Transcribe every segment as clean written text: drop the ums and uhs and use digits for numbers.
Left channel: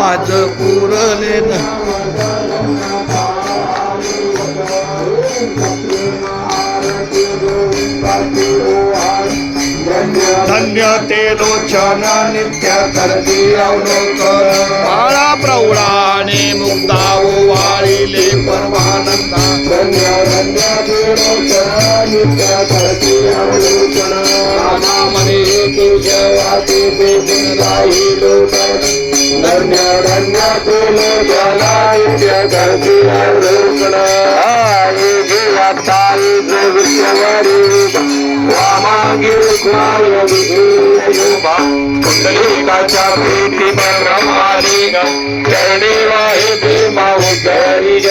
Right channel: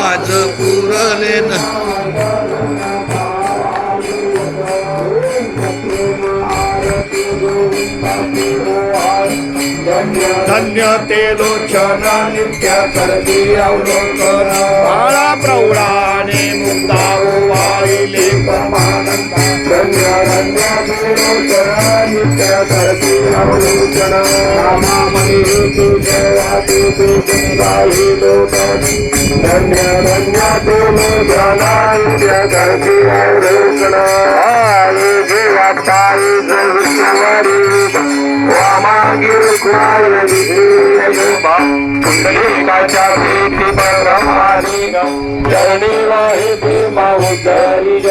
आज पुरले न धन्य ते लोचन नित्य करती अवलोकन बाळा प्रौढाने मुक्ता वाळीले परमानंदा धन्य धन्य ते लोचन नित्य करती अवलोकन रामामणे केशवाती पेटून राही लोकन धन्य धन्य ते लोचन नित्य करती अवलोकन आई जीवाताई जगतवारी वामागिर कुंडलिकाच्या भेटी ब्रह्मारी ग जय देव हे भीमा उद्धारी ग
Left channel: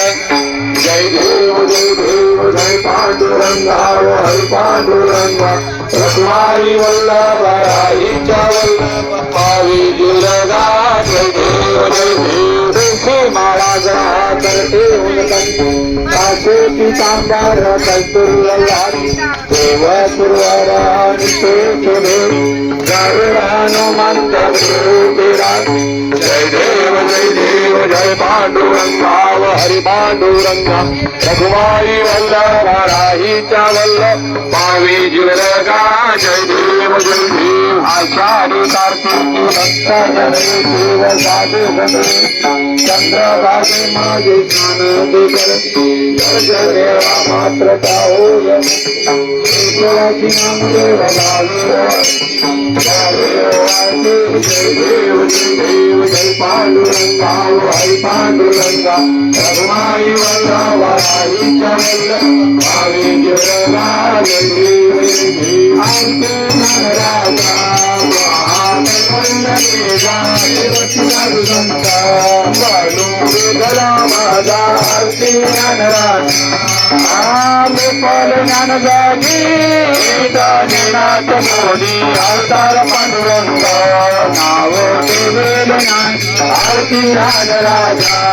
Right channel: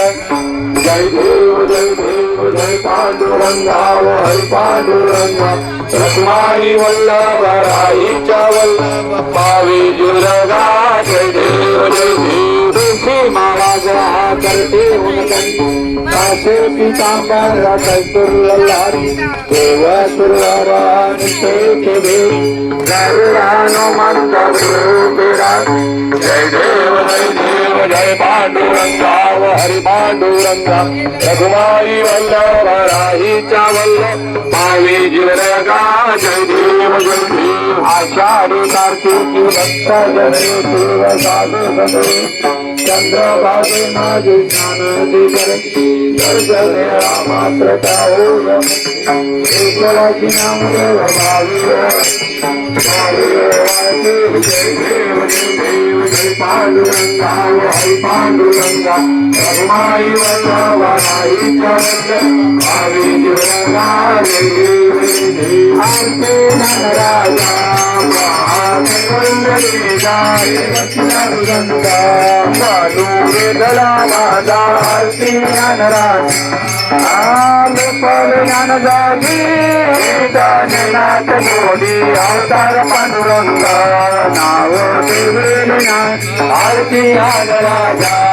जय देव जय पांडुरंगा हरि पांडुरंगा रत्नाई वल्लभ राईच्या वल्लभ पावी दुर्गा जय देव श्री महाराजा करते काशे पितांबर कस्तुरलारी देव सुरवानी देव हनुमंत जय देव जय पांडुरंगा हरि पांडुरंगा रघुमाई वल्लभ राहीच्या वल्लभ पावी दुर्गा जय देव आषाढी कार्तिकी भक्त जय देव साधू सदो चंद्रभागे माझे स्नानादी करती देवा मात्र एकवासी नाम देव भावी देव जय पांडुरंगा हरि पांडुरंगा रघुमाई वल्लभ राहीच्या वल्लभ भावी दुर्गा जय देव राजा अवतार पांडुरंग नाव आरती राजा